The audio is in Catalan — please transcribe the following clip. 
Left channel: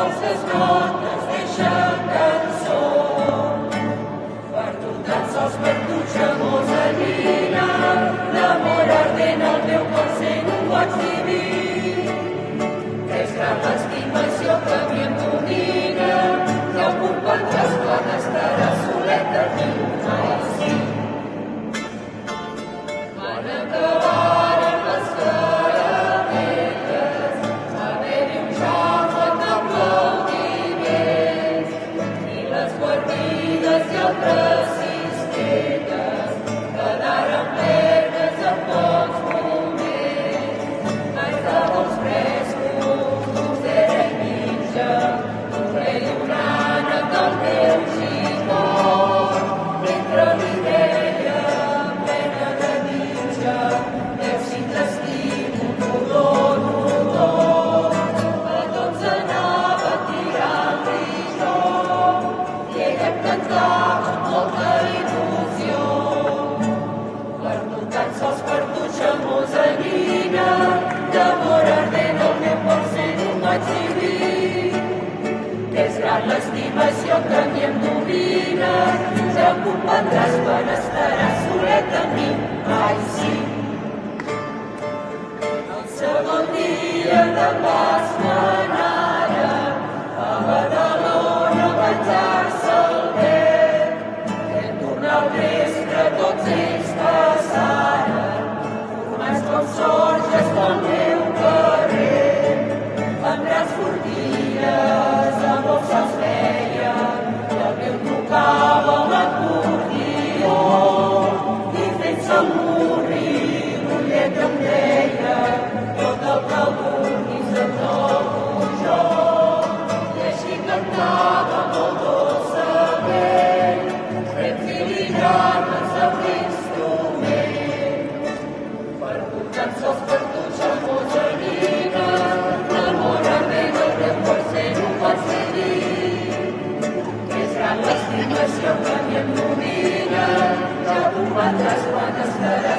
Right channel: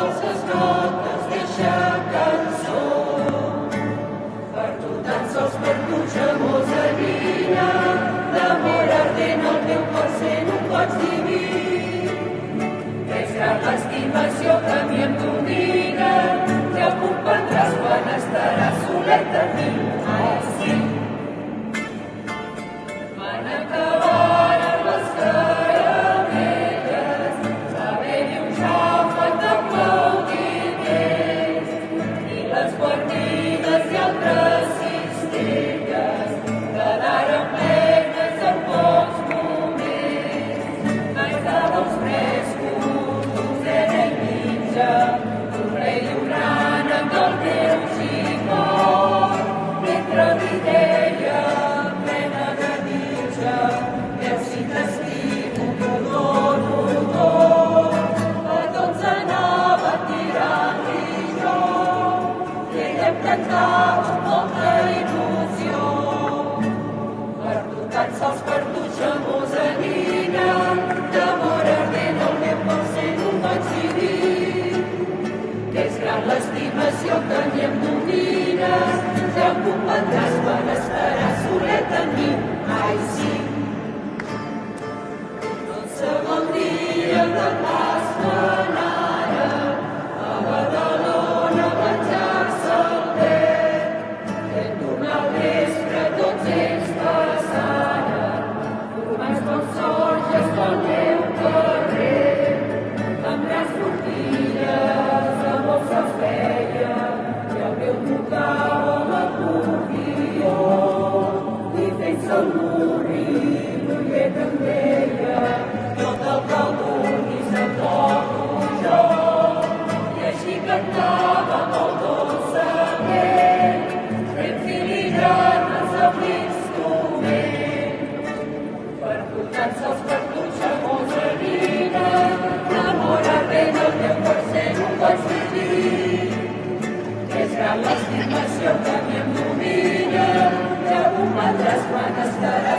dolces notes d'eixa cançó. Per tu, tan sols per tu, xamosa nina, d'amor ardent el teu cor sent un goig diví. És gran l'estimació que a mi em domina, que comprendràs quan estaràs solet aquí. Ai, sí. Van acabaren les caramelles, va haver-hi un xàfec d'aplaudiments, i les guarnigues i altres cistelles quedaren plenes en pocs moments. Mai estava uns frescos, d'ocera i mitja, un rei i un ànec del meu xicot, mentre li deia en plena ganitxa, veus si t'estimo, t'ho dono tot. A tots anava tirant-li jo, i ella em cantava amb molta il·lusió. Per tu, tan sols per tu, xamosa nina, d'amor ardent el meu cor sent un goig diví. És gran l'estimació que a mi em domina, ja ho comprendràs quan estaràs solet amb mi. Ai, sí. El segon dia de Pasqua anàrem a Badalona a menjar-se el vent. En tornar al vespre tots ells passaren, formats com sorges pel meu carrer, amb grans forquilles, amb bosses veia, i el meu tocava l'acordió, i fent-se el murri, l'ullet em deia, jo te'l vulguis em trobo jo, i així cantava molt dolçament, fent filigranes amb l'instrument. Per tu, tan sols per tu, xamosa nina, l'amor ardent el teu cor sent un goig diví. És gran l'estimació que a mi em domina, ja ho comprendràs quan estaràs